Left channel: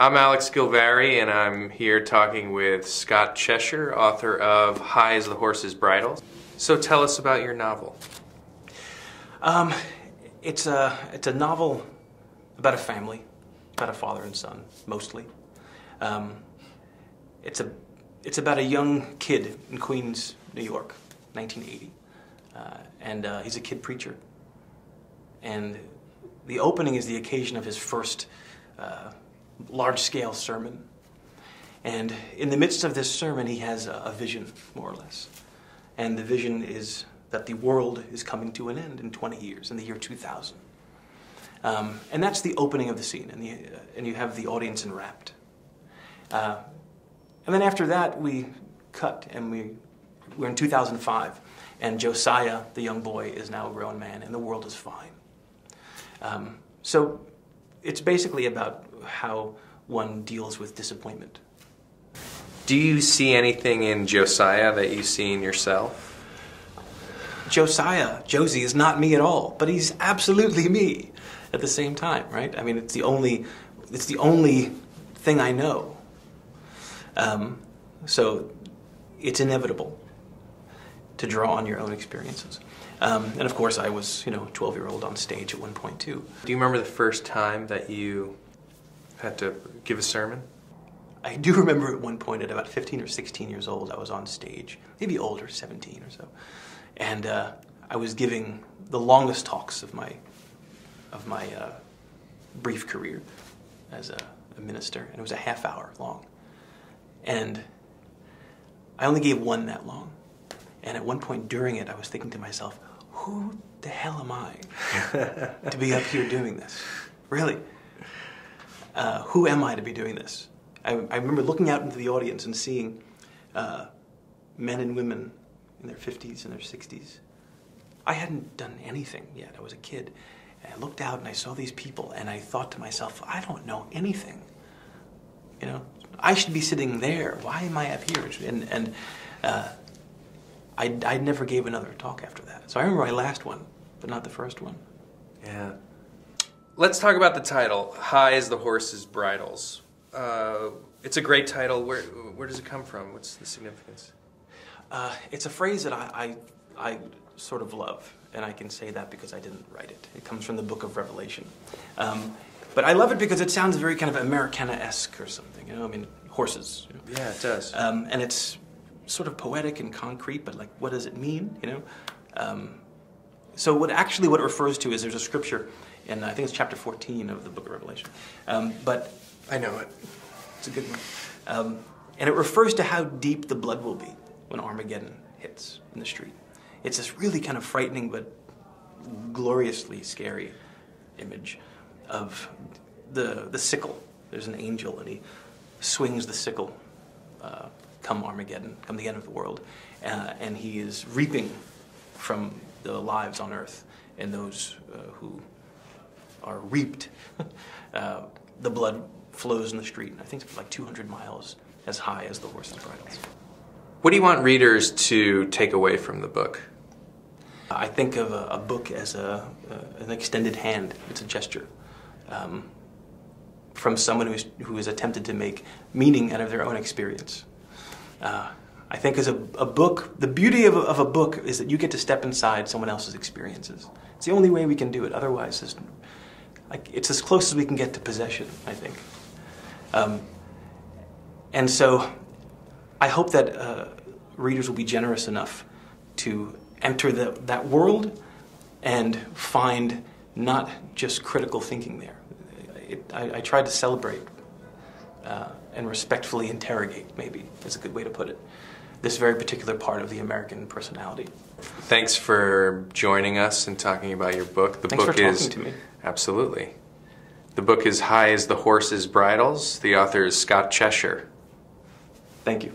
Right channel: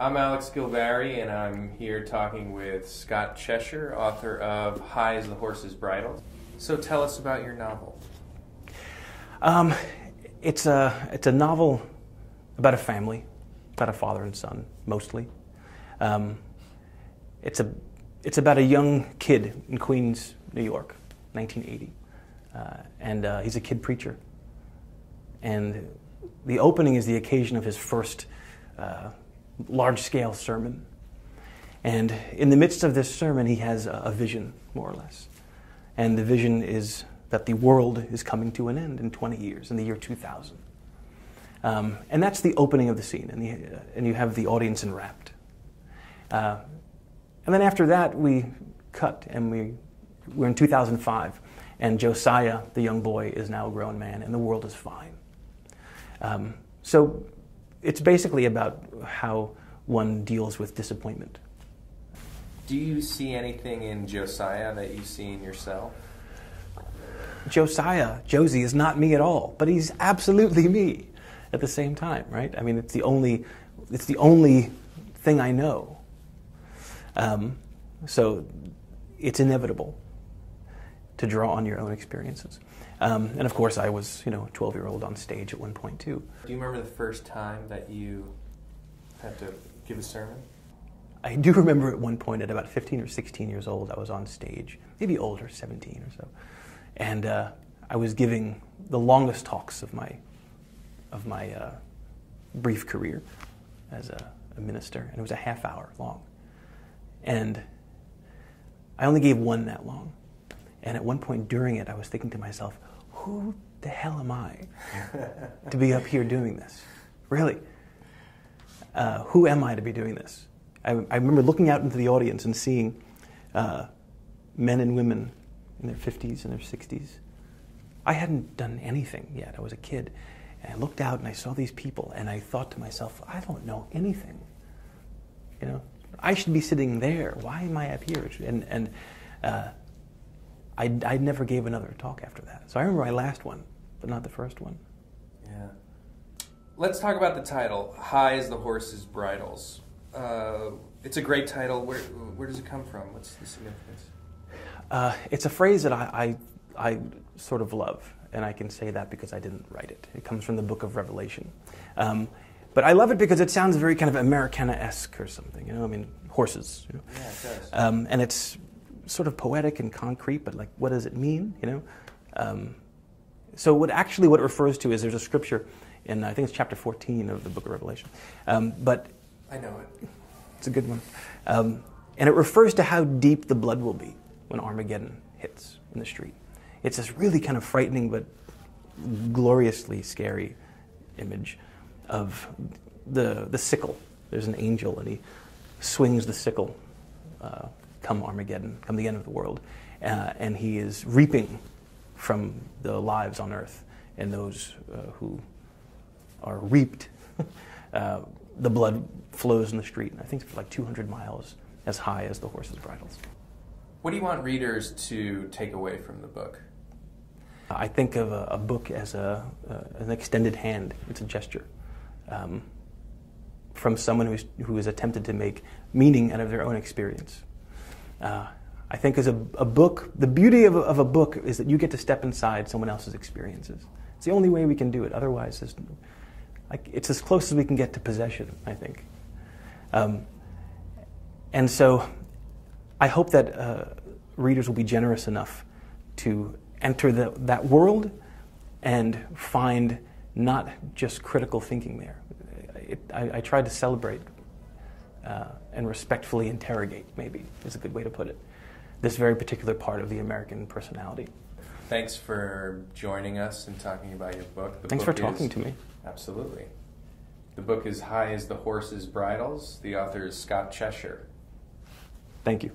I'm Alex Gilvarry, and I'm here talking with Scott Cheshire, author of High as the Horse's Bridles. So tell us about your novel. It's a novel about a family, about a father and son, mostly. It's about a young kid in Queens, New York, 1980, and he's a kid preacher. And the opening is the occasion of his first large-scale sermon. And in the midst of this sermon, he has a vision, more or less. And the vision is that the world is coming to an end in 20 years, in the year 2000. And that's the opening of the scene, and you have the audience enwrapped. And then after that, we cut, and we're in 2005, and Josiah, the young boy, is now a grown man, and the world is fine. So it's basically about how one deals with disappointment. Do you see anything in Josiah that you see in yourself? Josiah, Josie, is not me at all, but he's absolutely me at the same time, right? I mean, it's the only thing I know. So it's inevitable to draw on your own experiences. And of course, I was, a 12-year-old on stage at one point too. Do you remember the first time that you had to give a sermon? I do remember at one point at about 15 or 16 years old, I was on stage, maybe older, 17 or so. And I was giving the longest talks of my brief career as a minister, and it was a half hour long. And I only gave one that long. And at one point during it, I was thinking to myself, who the hell am I to be up here doing this? Really? Who am I to be doing this? I remember looking out into the audience and seeing men and women in their 50s and their 60s. I hadn't done anything yet. I was a kid. And I looked out and I saw these people and I thought to myself, I don't know anything. I should be sitting there. Why am I up here? And I never gave another talk after that. So I remember my last one, but not the first one. Yeah. Let's talk about the title, High as the Horse's Bridles. It's a great title. Where does it come from? What's the significance? It's a phrase that I sort of love, and I can say that because I didn't write it. It comes from the book of Revelation. But I love it because it sounds very kind of Americana-esque or something, I mean, horses. Yeah, it does. And it's sort of poetic and concrete, but like, what does it mean, So what it refers to is there's a scripture in, I think it's chapter 14 of the book of Revelation. But I know it. It's a good one. And it refers to how deep the blood will be when Armageddon hits in the street. It's this really kind of frightening but gloriously scary image of the sickle. There's an angel and he swings the sickle come Armageddon, come the end of the world. And he is reaping from the lives on earth and those who are reaped. The blood flows in the street. I think it's like 200 miles as high as the horse's bridles. What do you want readers to take away from the book? I think of a book as an extended hand. It's a gesture from someone who has attempted to make meaning out of their own experience. I think as a book, the beauty of a book is that you get to step inside someone else's experiences. It's the only way we can do it. Otherwise, it's as close as we can get to possession, I think. And so I hope that readers will be generous enough to enter that world and find not just critical thinking there. I tried to celebrate and respectfully interrogate, maybe is a good way to put it, this very particular part of the American personality. Thanks for joining us and talking about your book. Thanks for talking to me. Absolutely. The book is High as the Horse's Bridles. The author is Scott Cheshire. Thank you.